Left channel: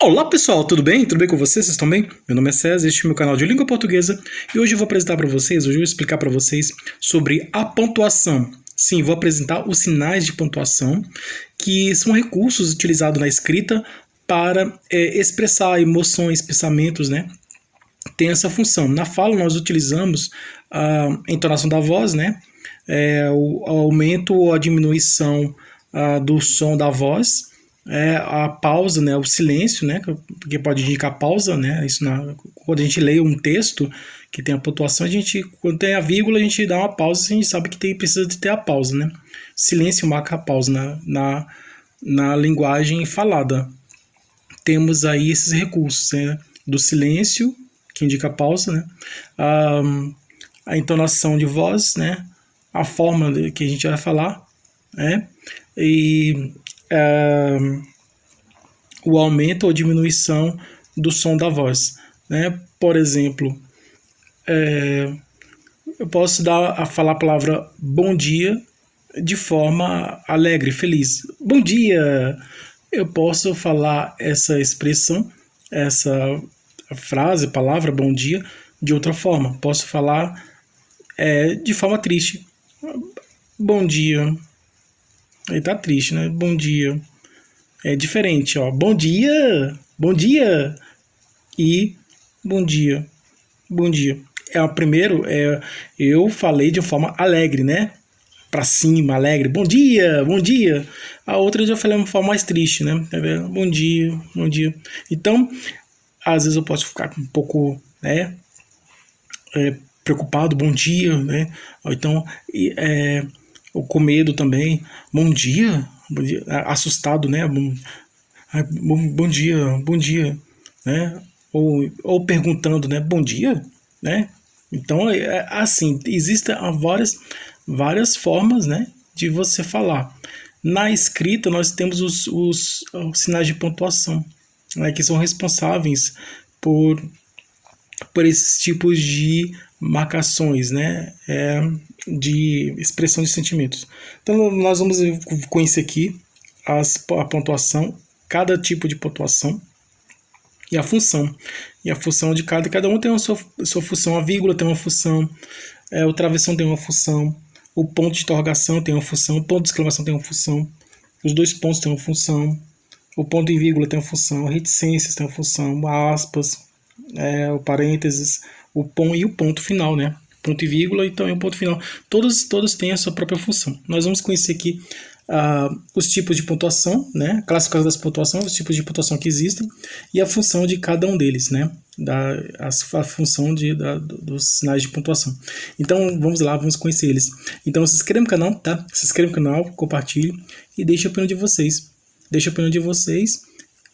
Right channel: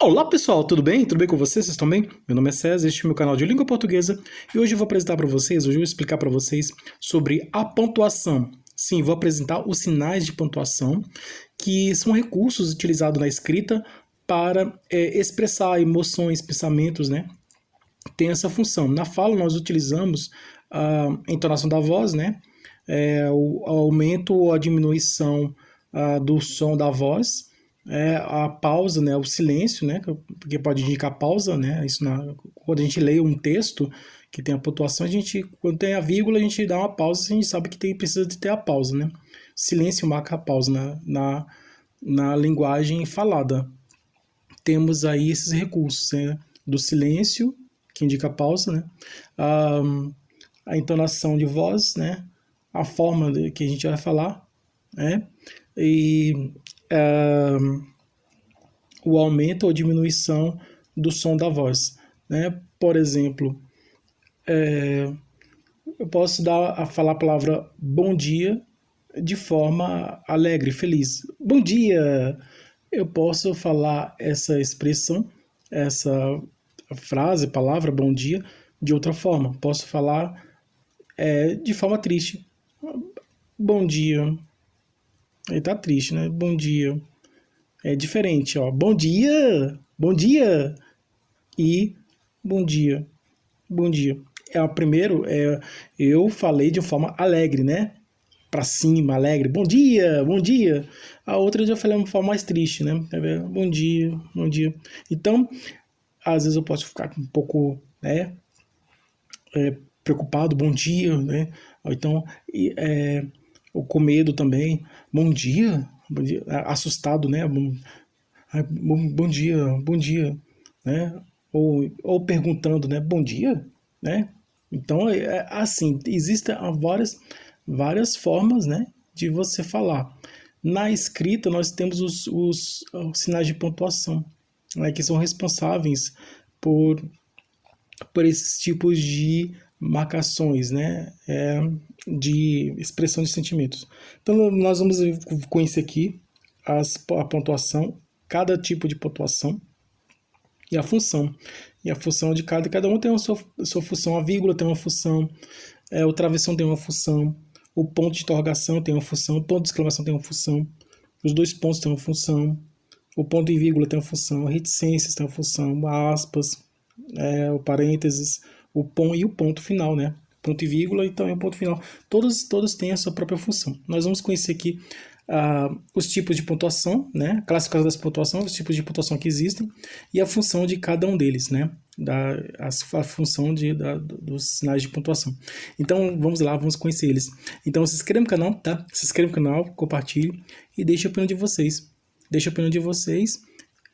Olá pessoal, tudo bem? Tudo bem com vocês? Vocês estão bem? Meu nome é César, este é o meu canal de língua portuguesa e hoje eu vou apresentar para vocês, hoje eu vou explicar para vocês sobre a pontuação. Sim, vou apresentar os sinais de pontuação, que são recursos utilizados na escrita para expressar emoções, pensamentos, né? Tem essa função. Na fala nós utilizamos a entonação da voz, né? O aumento ou a diminuição do som da voz, a pausa, né, o silêncio, né, porque pode indicar pausa, né, quando a gente lê um texto que tem a pontuação, quando tem a vírgula, a gente dá uma pausa, a gente sabe que precisa de ter a pausa, né, silêncio marca a pausa na linguagem falada. Temos aí esses recursos, né, do silêncio, que indica a pausa, né, a entonação de voz, né, a forma que a gente vai falar, né, e o aumento ou diminuição do som da voz, né? Por exemplo, eu posso falar a palavra bom dia de forma alegre, feliz. Bom dia! Eu posso falar essa expressão, essa frase, palavra, bom dia, de outra forma. Posso falar de forma triste. Bom dia. Ele tá triste, né? Bom dia. É diferente, ó. Bom dia e bom dia, bom dia. Primeiro, eu falei de forma alegre, né? Pra cima, alegre. Bom dia, bom dia. A outra eu já falei de uma forma mais triste, né? Bom dia, bom dia. Então, às vezes eu posso ficar um pouco, né? Preocupado, bom dia, né? Ou então, com medo também. Bom dia, assustado, né? Bom dia, né? Ou perguntando, né? Bom dia, né? Então, assim, existem várias formas, né? De você falar. Na escrita, nós temos os sinais de pontuação, né? Que são responsáveis por esses tipos de marcações, né? De expressão de sentimentos. Então, nós vamos conhecer aqui a pontuação, cada tipo de pontuação e a função. E a função de cada um tem a sua função. A vírgula tem uma função, o travessão tem uma função, o ponto de interrogação tem uma função, o ponto de exclamação tem uma função, os dois pontos têm uma função, o ponto e vírgula tem uma função, reticências tem uma função, aspas, o parênteses, o ponto e o ponto final, né? Ponto e vírgula e também o ponto final. Todos têm a sua própria função. Nós vamos conhecer aqui os tipos de pontuação, né? Classificação das pontuações, os tipos de pontuação que existem e a função de cada um deles, né? A função dos sinais de pontuação. Então, vamos lá, vamos conhecer eles. Então, se inscreva no canal, tá? Se inscreva no canal, compartilhe e deixe a opinião de vocês. Deixe a opinião de vocês.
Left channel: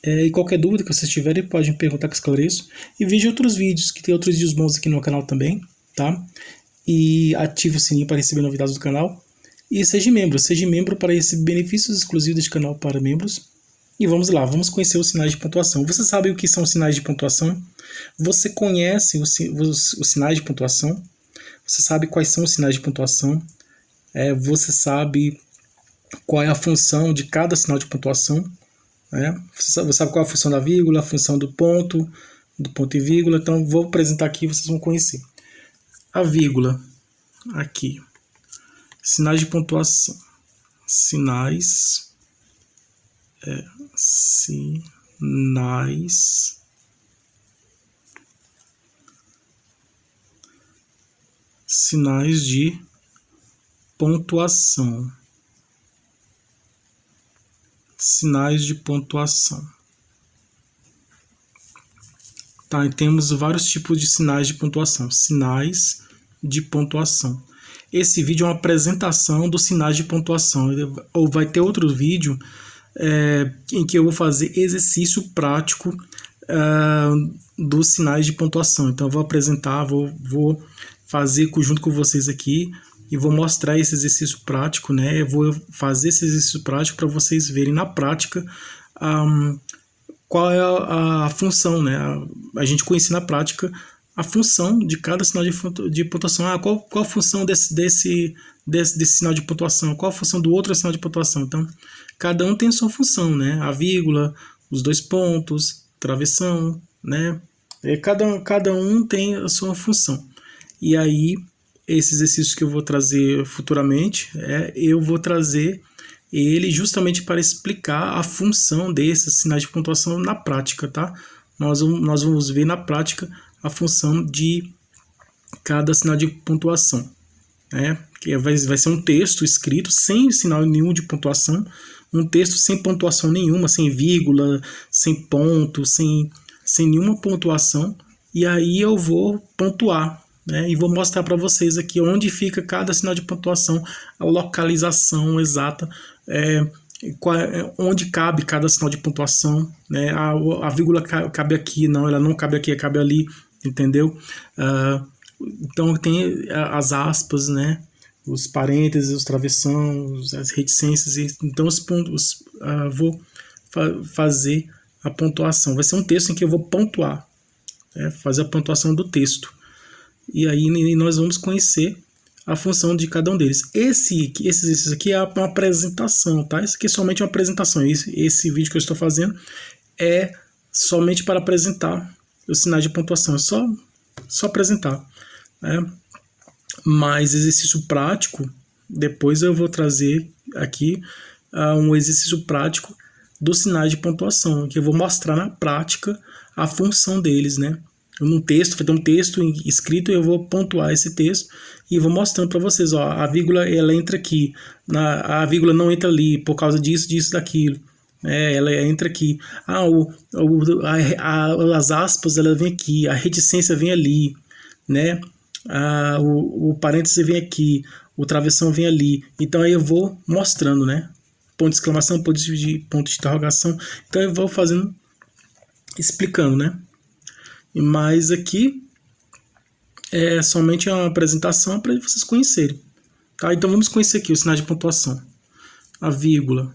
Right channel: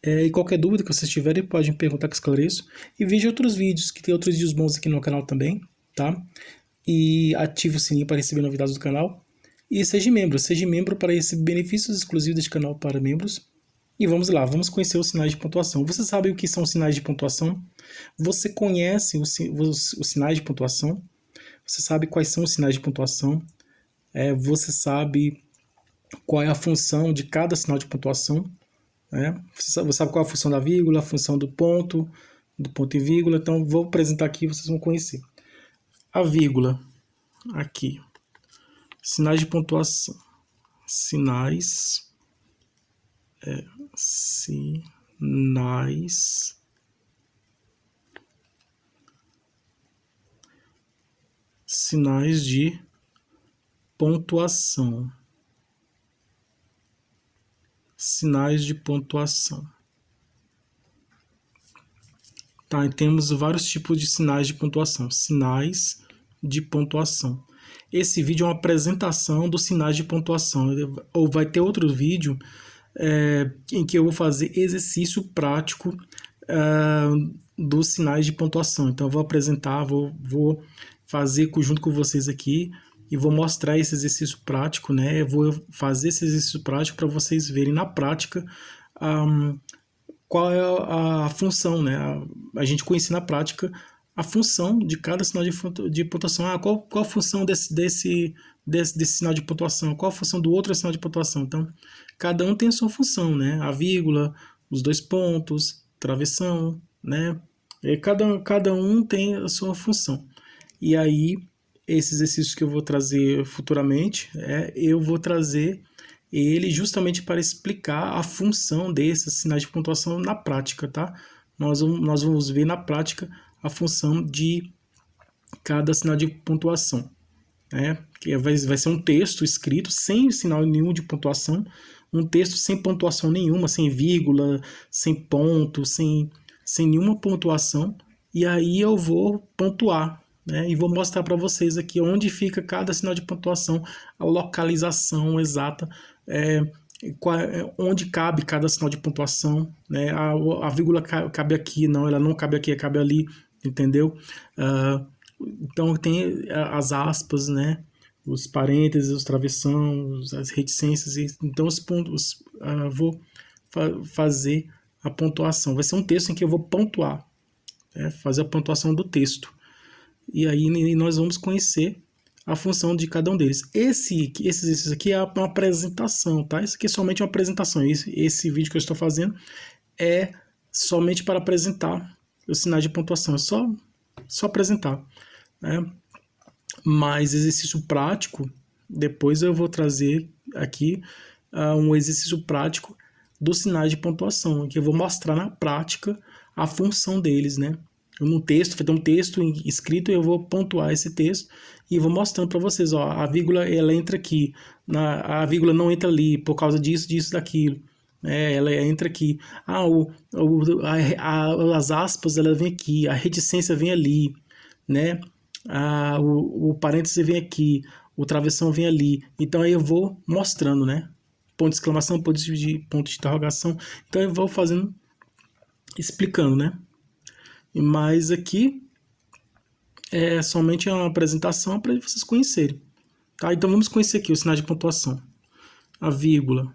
E qualquer dúvida que vocês tiverem, podem perguntar que eu esclareço. E veja outros vídeos, que tem outros vídeos bons aqui no canal também, tá? E ative o sininho para receber novidades do canal. E seja membro para receber benefícios exclusivos deste canal para membros. E vamos lá, vamos conhecer os sinais de pontuação. Você sabe o que são sinais de pontuação? Você conhece os sinais de pontuação? Você sabe quais são os sinais de pontuação? Você sabe qual é a função de cada sinal de pontuação? Você sabe qual é a função da vírgula, a função do ponto e vírgula. Então, vou apresentar aqui e vocês vão conhecer. A vírgula, aqui. Sinais de pontuação. Sinais de pontuação. Sinais de pontuação. Tá, e temos vários tipos de sinais de pontuação. Sinais de pontuação. Esse vídeo é uma apresentação dos sinais de pontuação. Ou vai ter outro vídeo em que eu vou fazer exercício prático dos sinais de pontuação. Então, eu vou apresentar, vou fazer junto com vocês aqui e vou mostrar esse exercício prático, né? Eu vou fazer esse exercício prático para vocês verem na prática qual é a função, né? A gente conhece na prática a função de cada sinal de pontuação. Qual a função desse sinal de pontuação? Qual a função do outro sinal de pontuação? Então, cada um tem a sua função, né? A vírgula, os dois pontos, travessão, né? Cada um tem a sua função. E aí, esses exercícios que eu vou trazer futuramente, eu vou trazer ele justamente para explicar a função desses sinais de pontuação na prática, tá? Nós vamos ver na prática a função de cada sinal de pontuação, né? Que vai ser um texto escrito sem sinal nenhum de pontuação, um texto sem pontuação nenhuma, sem vírgula, sem ponto, sem nenhuma pontuação, e aí eu vou pontuar, né? E vou mostrar para vocês aqui onde fica cada sinal de pontuação, a localização exata, onde cabe cada sinal de pontuação, né? A vírgula cabe aqui, não, ela não cabe aqui, cabe ali, entendeu? Então tem as aspas, né? Os parênteses, os travessões, as reticências, então os pontos, vou fazer a pontuação. Vai ser um texto em que eu vou pontuar, fazer a pontuação do texto. E aí nós vamos conhecer a função de cada um deles. Esse exercício aqui é uma apresentação, tá? Isso aqui é somente uma apresentação. Esse vídeo que eu estou fazendo é somente para apresentar os sinais de pontuação. É só apresentar, né? Mas exercício prático, depois eu vou trazer aqui um exercício prático dos sinais de pontuação, que eu vou mostrar na prática a função deles, né? Num texto, vai ter um texto escrito, eu vou pontuar esse texto e vou mostrando para vocês, ó, a vírgula ela entra aqui, a vírgula não entra ali por causa disso, daquilo. Ela entra aqui. As aspas ela vem aqui, a reticência vem ali, né? O parêntese vem aqui, o travessão vem ali. Então aí eu vou mostrando, né? Ponto de exclamação, ponto de interrogação. Então eu vou fazendo, explicando, né? Mas aqui é somente uma apresentação para vocês conhecerem. Tá? Então vamos conhecer aqui os sinais de pontuação. A vírgula.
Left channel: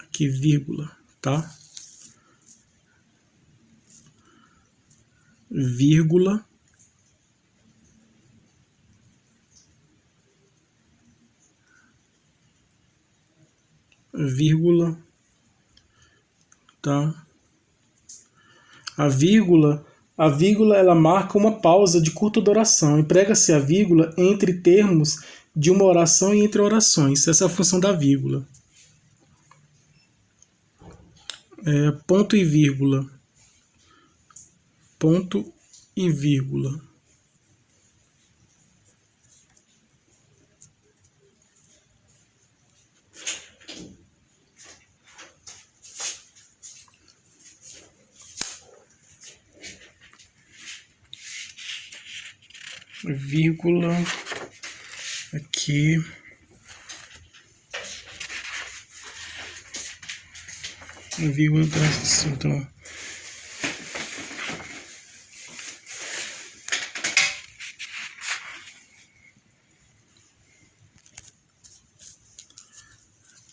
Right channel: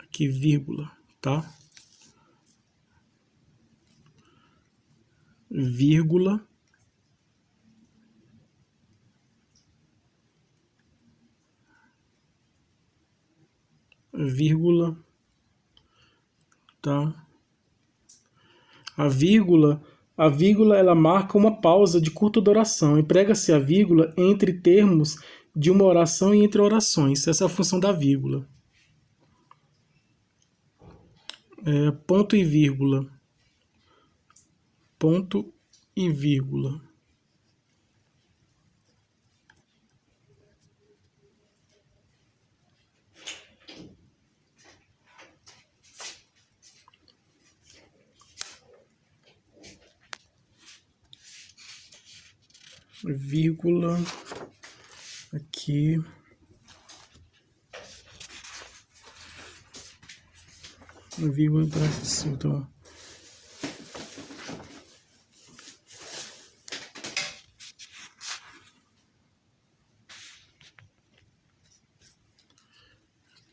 Aqui, vírgula, tá? Vírgula. Vírgula, tá? A vírgula ela marca uma pausa de curta duração. Emprega-se a vírgula entre termos de uma oração e entre orações. Essa é a função da vírgula. Ponto e vírgula. Ponto e vírgula. Vírgula aqui, vírgula, então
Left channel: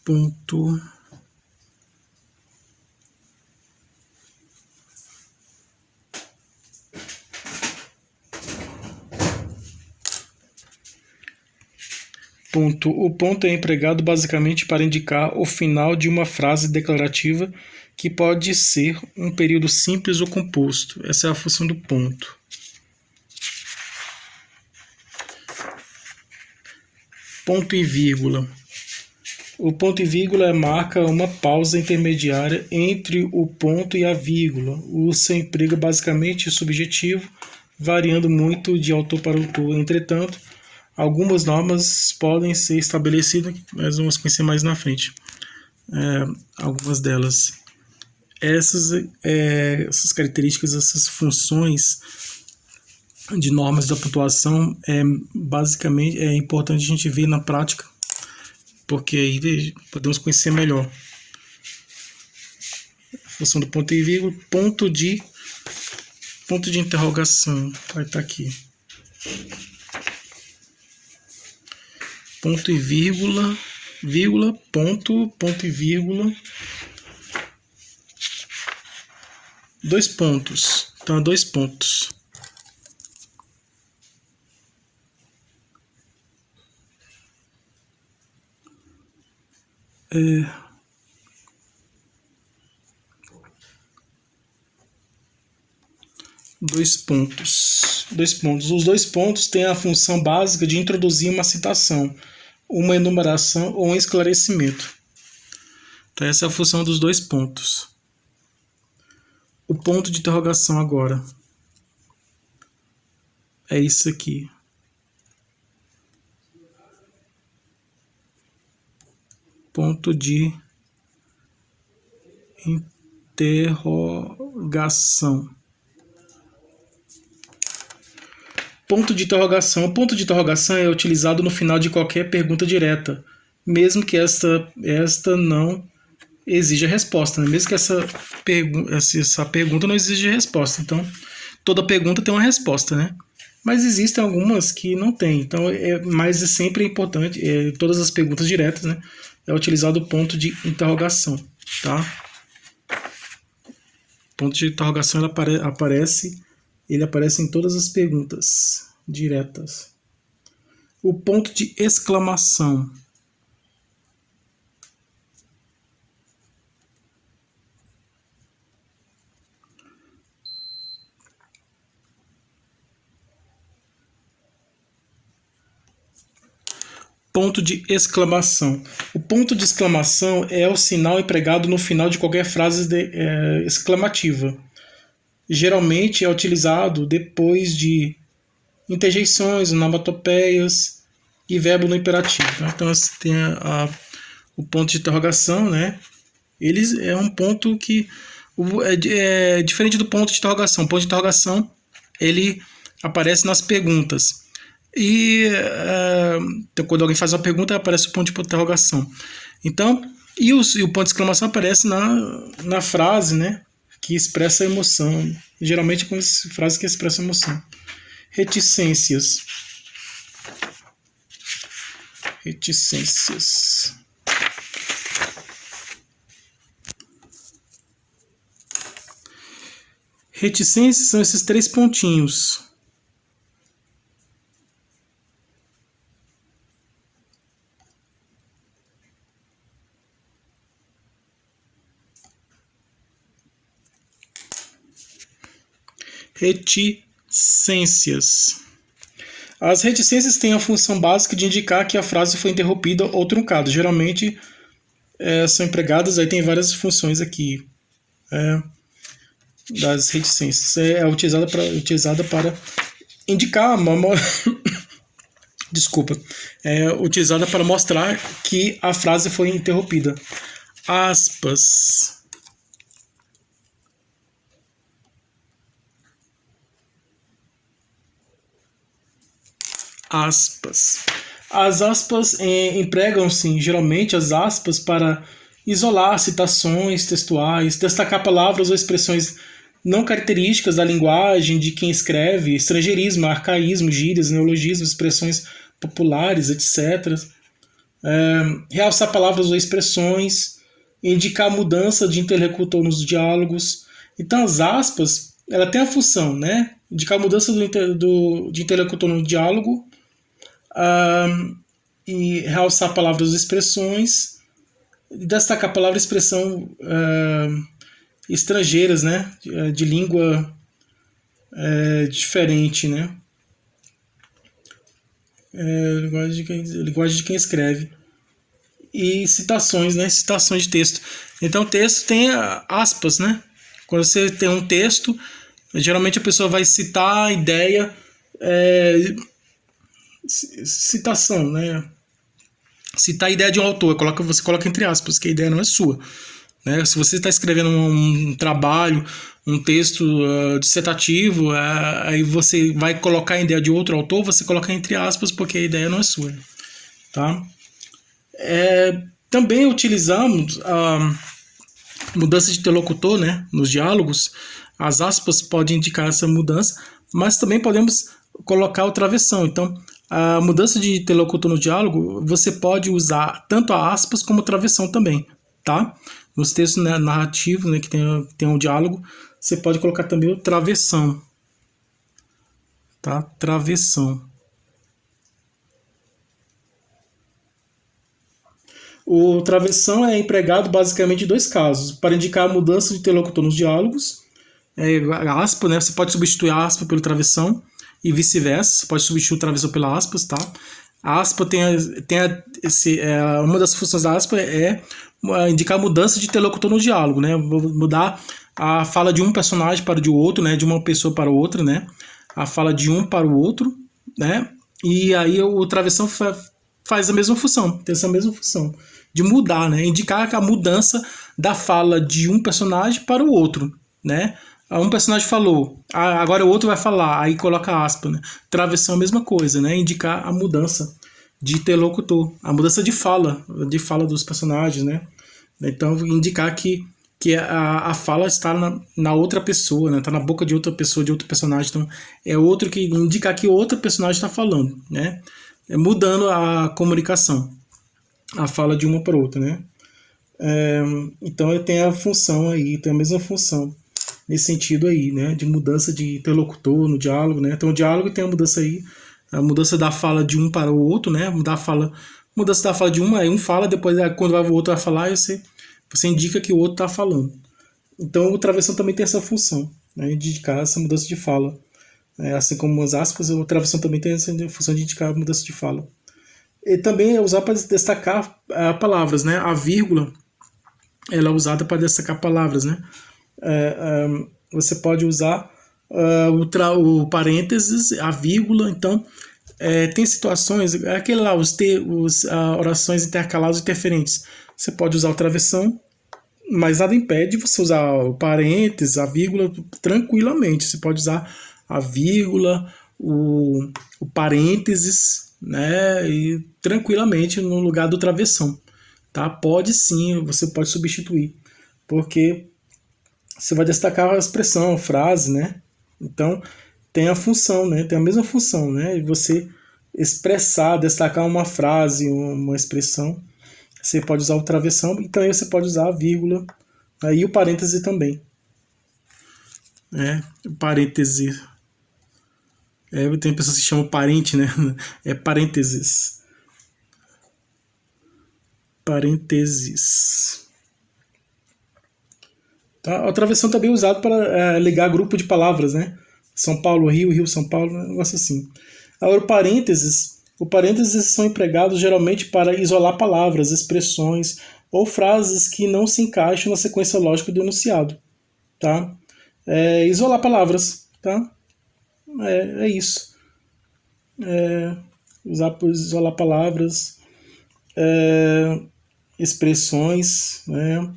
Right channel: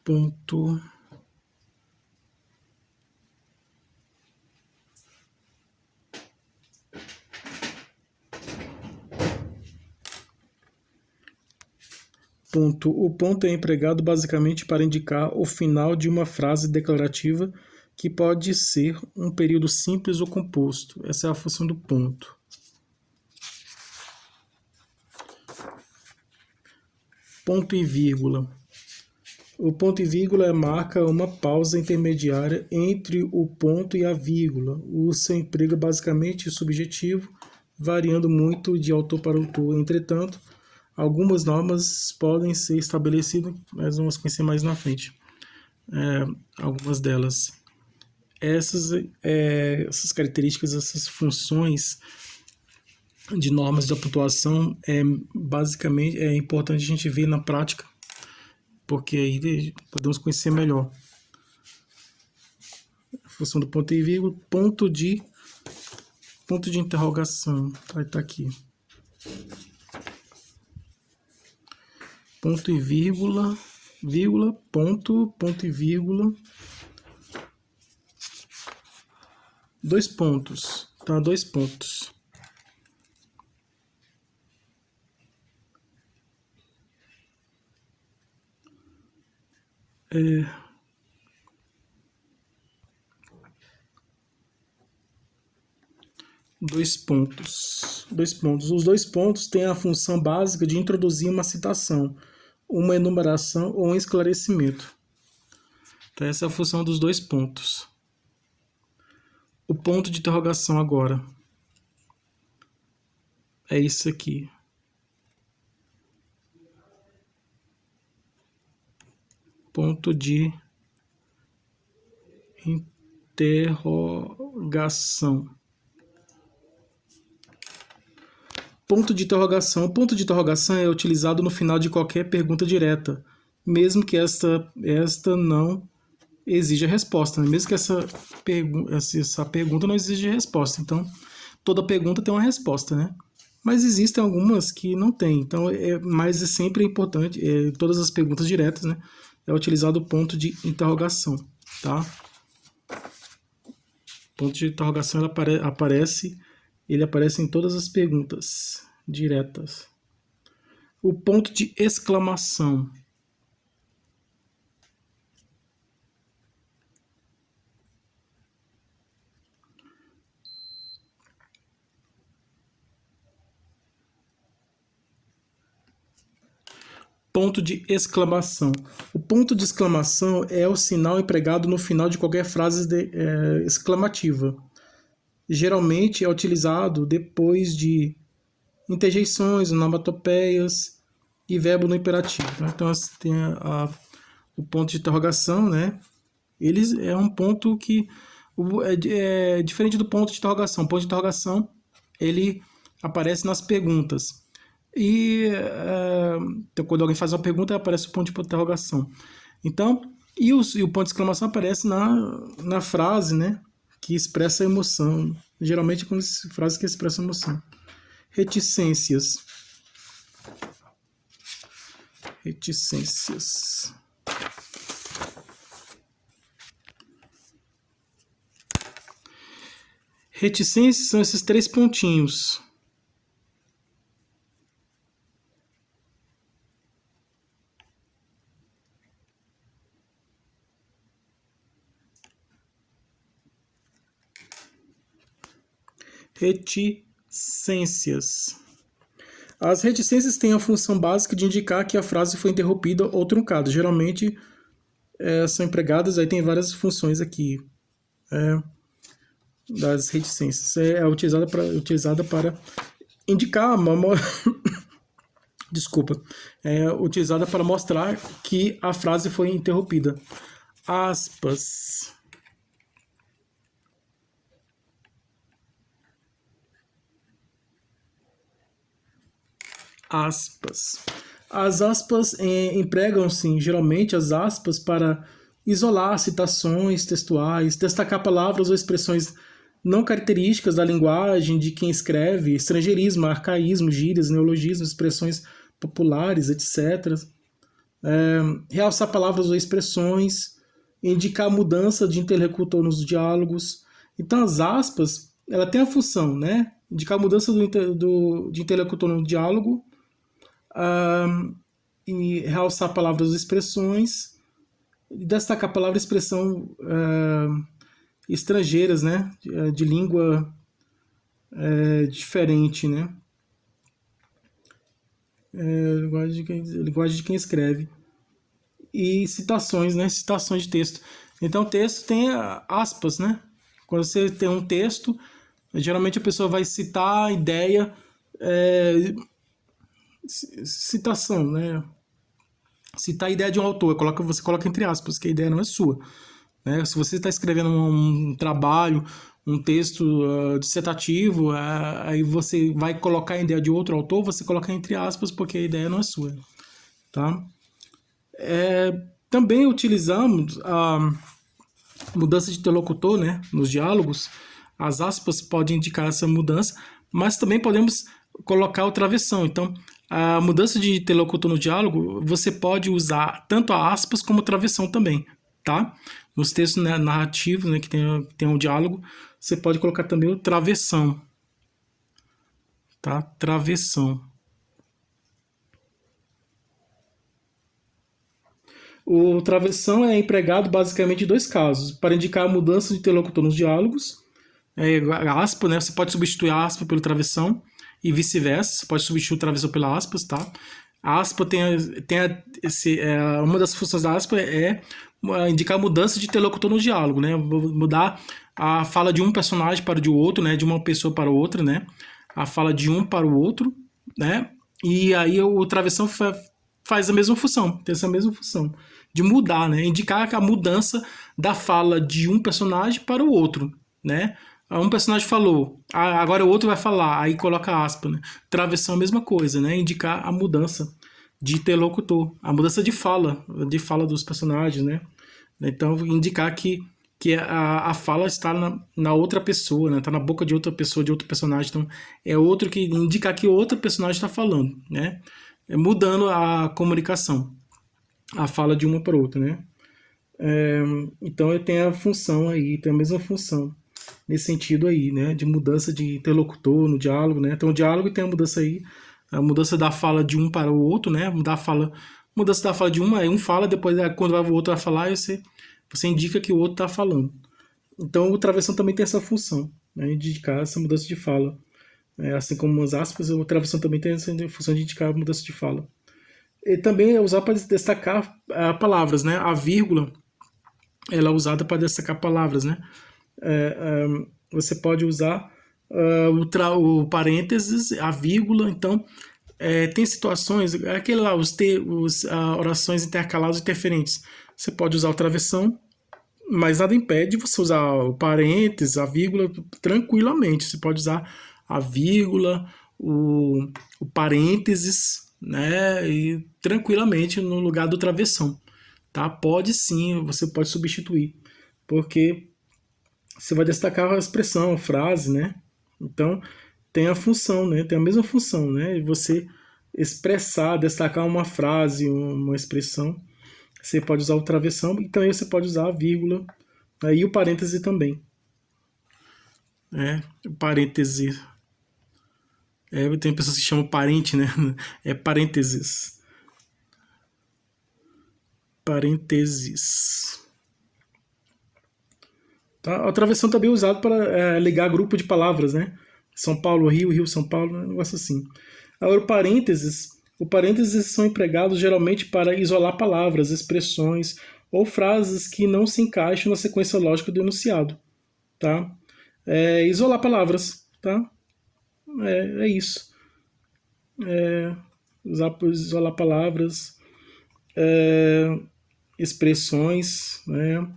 ponto ponto. O ponto é empregado basicamente para indicar o final de uma frase declarativa que pode ser um período simples ou composto. Essa é a função do ponto. Ponto e vírgula. O ponto e vírgula marca uma pausa intermediária entre o ponto e a vírgula. O seu emprego é basicamente subjetivo, variando muito de autor para autor. Entretanto, algumas normas podem ser estabelecidas, que nós vamos conhecer mais na frente. Algumas delas. Essas características, essas funções de normas da pontuação, basicamente é importante a gente ver na prática, porque aí podemos conhecer melhor. Função do ponto e vírgula, ponto de interrogação, vai estar aqui. Ponto e vírgula, vírgula, ponto e vírgula. Dois pontos. Então, 2 pontos. Dois pontos. Os dois pontos têm a função básica de introduzir uma citação, uma enumeração ou um esclarecimento. Então, essa é a função dos dois pontos. O ponto de interrogação agora é isso aqui. Ponto de interrogação. Ponto de interrogação. O ponto de interrogação é utilizado no final de qualquer pergunta direta, mesmo que esta não exija resposta, né? Mesmo que essa pergunta não exija resposta. Então, toda pergunta tem uma resposta, né? Mas existem algumas que não tem. Então, mas é sempre importante, todas as perguntas diretas, né? É utilizado o ponto de interrogação, tá? Ponto de interrogação ele aparece em todas as perguntas diretas. O ponto de exclamação. Ponto de exclamação. O ponto de exclamação é o sinal empregado no final de qualquer frase exclamativa. Geralmente é utilizado depois de interjeições, onomatopeias e verbo no imperativo. Então, tem o ponto de interrogação, né? Ele é um ponto que é diferente do ponto de interrogação. O ponto de interrogação ele aparece nas perguntas. E quando alguém faz uma pergunta, aparece o ponto de interrogação. Então, e o ponto de exclamação aparece na frase, né, que expressa a emoção. Geralmente com as frases que expressam emoção. Reticências. Reticências são esses três pontinhos. Reticências. As reticências têm a função básica de indicar que a frase foi interrompida ou truncada. Geralmente são empregadas, aí tem várias funções aqui das reticências. É utilizada para indicar desculpa. É utilizada para mostrar que a frase foi interrompida. Aspas. As aspas empregam-se geralmente as aspas para isolar citações textuais, destacar palavras ou expressões não características da linguagem de quem escreve, estrangeirismo, arcaísmo, gírias, neologismos, expressões populares, etc. Realçar palavras ou expressões, indicar mudança de interlocutor nos diálogos. Então, as aspas, ela tem a função, né? Indicar mudança de interlocutor no diálogo, e realçar palavras ou expressões, e destacar palavra e expressão estrangeiras, né? De língua diferente, né? Linguagem de quem escreve. E citações, né? Citações de texto. Então, o texto tem aspas, né? Quando você tem um texto, geralmente a pessoa vai citar a ideia, citação, né? Citar a ideia de um autor, você coloca entre aspas, que a ideia não é sua. Né? Se você está escrevendo um trabalho, um texto dissertativo, aí você vai colocar a ideia de outro autor, você coloca entre aspas, porque a ideia não é sua. Tá? Também utilizamos a mudança de interlocutor, né, nos diálogos. As aspas podem indicar essa mudança, mas também podemos colocar o travessão. Então, a mudança de interlocutor no diálogo, você pode usar tanto a aspas como a travessão também, tá? Nos textos narrativos, né, que tem um diálogo, você pode colocar também o travessão, tá? Travessão. O travessão é empregado basicamente em dois casos: para indicar a mudança de interlocutor nos diálogos aspa, né? Você pode substituir a aspa pelo travessão e vice-versa. Você pode substituir o travessão pela aspas, tá? A aspa uma das funções da aspa é indicar mudança de interlocutor no diálogo, né? Mudar a fala de um personagem para o de outro, né? De uma pessoa para outra, né? A fala de um para o outro, né? E aí o travessão faz a mesma função, tem essa mesma função de mudar, né? Indicar a mudança da fala de um personagem para o outro, né? Um personagem falou, agora o outro vai falar, aí coloca aspa, né? Travessão é a mesma coisa, né? Indicar a mudança de interlocutor, a mudança de fala dos personagens, né? Então, indicar que a fala está na outra pessoa, né? Está na boca de outra pessoa, de outro personagem. Então, é outro que indicar que outro personagem está falando, né? Mudando a comunicação, a fala de uma para outra, né? Então, tem a função aí, tem a mesma função nesse sentido aí, né? De mudança de interlocutor no diálogo, né? Então, o diálogo tem a mudança aí, a mudança da fala de um para o outro, né? Mudança da fala de um, aí um fala, depois quando o outro vai falar, você indica que o outro está falando. Então, o travessão também tem essa função, né? De indicar essa mudança de fala. Assim como as aspas, o travessão também tem essa função de indicar a mudança de fala. E também é usado para destacar palavras, né? A vírgula, ela é usada para destacar palavras, né? Você pode usar o parênteses, a vírgula. Então, tem situações, aquele lá, orações intercaladas e interferentes. Você pode usar o travessão, mas nada impede você usar o parênteses, a vírgula, tranquilamente. Você pode usar a vírgula, o parênteses, né? E tranquilamente no lugar do travessão, tá? Pode sim, você pode substituir, porque você vai destacar a expressão, a frase, né? Então, tem a função, né? Tem a mesma função, né? Você expressar, destacar uma frase, uma expressão. Você pode usar o travessão e também você pode usar a vírgula e o parêntese também. O parêntese. Tem pessoas que chamam parente, né? É parênteses. Parênteses. Tá? A travessão também é usada para ligar grupo de palavras, né? São Paulo, Rio, Rio, São Paulo, um negócio assim. Agora, o parênteses são empregados geralmente para isolar palavras, expressões ou frases que não se encaixam na sequência lógica do enunciado, tá? Isolar palavras, tá? É isso. Isolar palavras, expressões, né?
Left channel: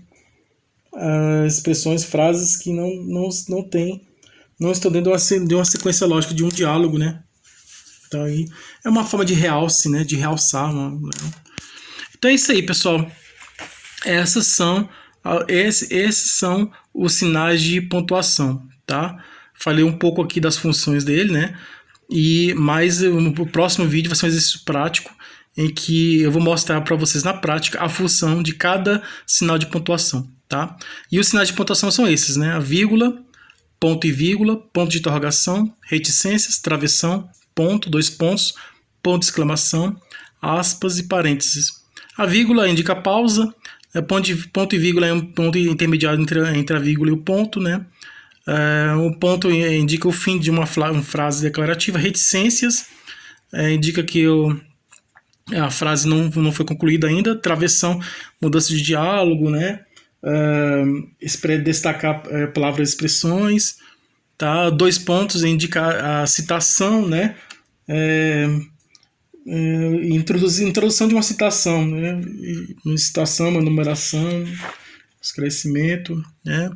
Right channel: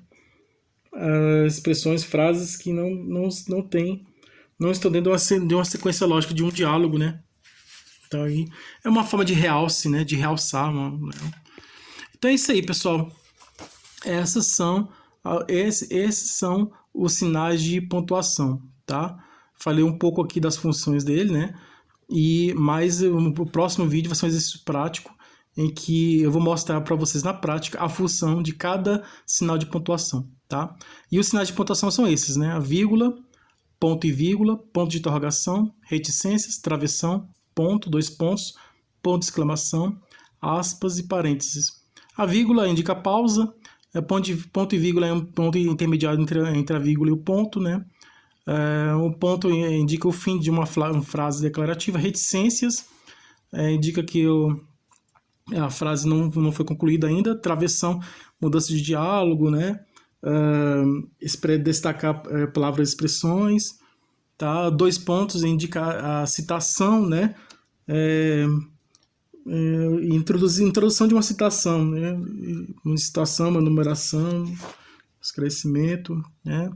Expressões, frases que não estão dentro de uma sequência lógica de um diálogo, né? Então aí é uma forma de realce, né? De realçar. Então é isso aí, pessoal. Esses são os sinais de pontuação, tá? Falei um pouco aqui das funções dele, né? Mas no próximo vídeo vai ser um exercício prático em que eu vou mostrar para vocês na prática a função de cada sinal de pontuação, tá? E os sinais de pontuação são esses, né? A vírgula, ponto e vírgula, ponto de interrogação, reticências, travessão, ponto, dois pontos, ponto de exclamação, aspas e parênteses. A vírgula indica a pausa, ponto e vírgula é um ponto intermediário entre a vírgula e o ponto, né? O ponto indica o fim de uma frase declarativa. Reticências indica que a frase não foi concluída ainda. Travessão, mudança de diálogo, né? Destacar palavras e expressões. Tá? Dois pontos indica a citação, né? Introdução de uma citação, né? Uma citação, uma numeração, esclarecimento, né?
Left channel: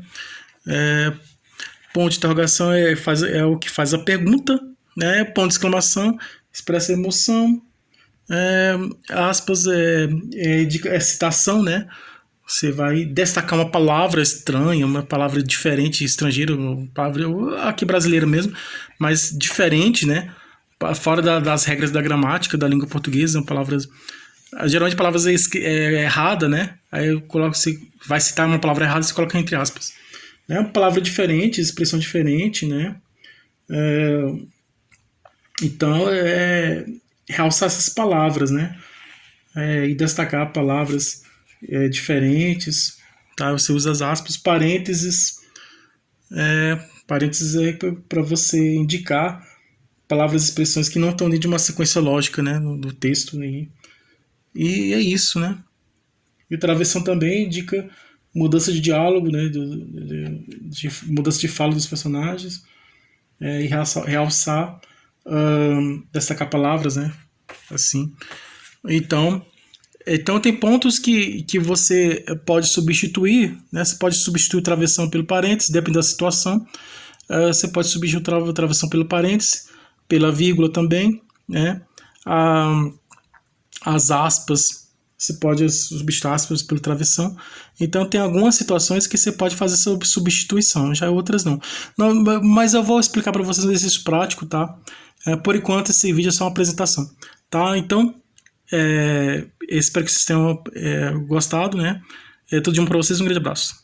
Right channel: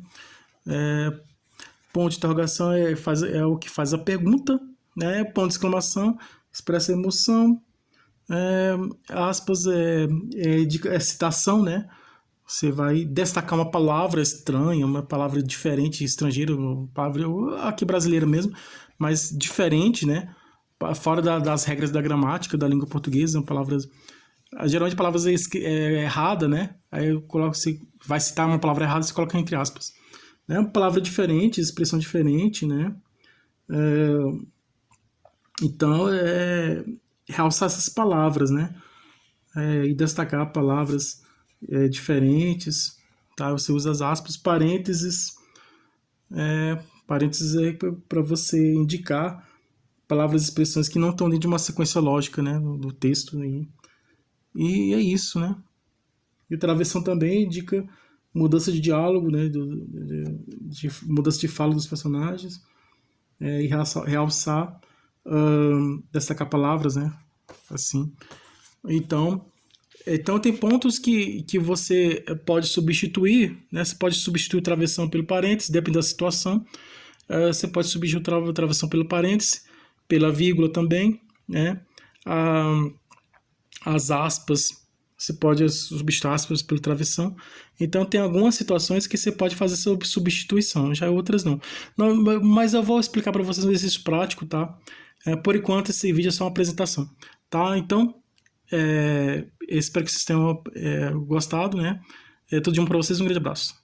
Ponto de interrogação é o que faz a pergunta, né? Ponto de exclamação expressa a emoção, aspas é citação, né? Você vai destacar uma palavra estranha, uma palavra diferente, estrangeira, uma palavra aqui brasileira mesmo, mas diferente, né? Fora das regras da gramática da língua portuguesa, geralmente palavras errada, né? Aí você vai citar uma palavra errada, você coloca entre aspas. Uma palavra diferente, expressão diferente, né? Então, realçar essas palavras, né? E destacar palavras diferentes, tá? Você usa as aspas, parênteses, Parênteses é para você indicar palavras e expressões que não estão dentro de uma sequência lógica, né, do texto. E é isso, né? E o travessão também indica mudança de diálogo, né, de mudança de fala dos personagens, e realçar, destacar palavras, né, assim. Então tem pontos que você pode substituir, né? Você pode substituir o travessão pelo parênteses, dependendo da situação. Você pode substituir o travessão pelo parênteses, pela vírgula também, né? As aspas, você pode substituir aspas pelo travessão. Então tem algumas situações que você pode fazer essa substituição, já outras não. Mas eu vou explicar para vocês um exercício prático, tá? Por enquanto esse vídeo é só uma apresentação, tá? Então espero que vocês tenham gostado, né? Tudo de bom para vocês, um grande abraço.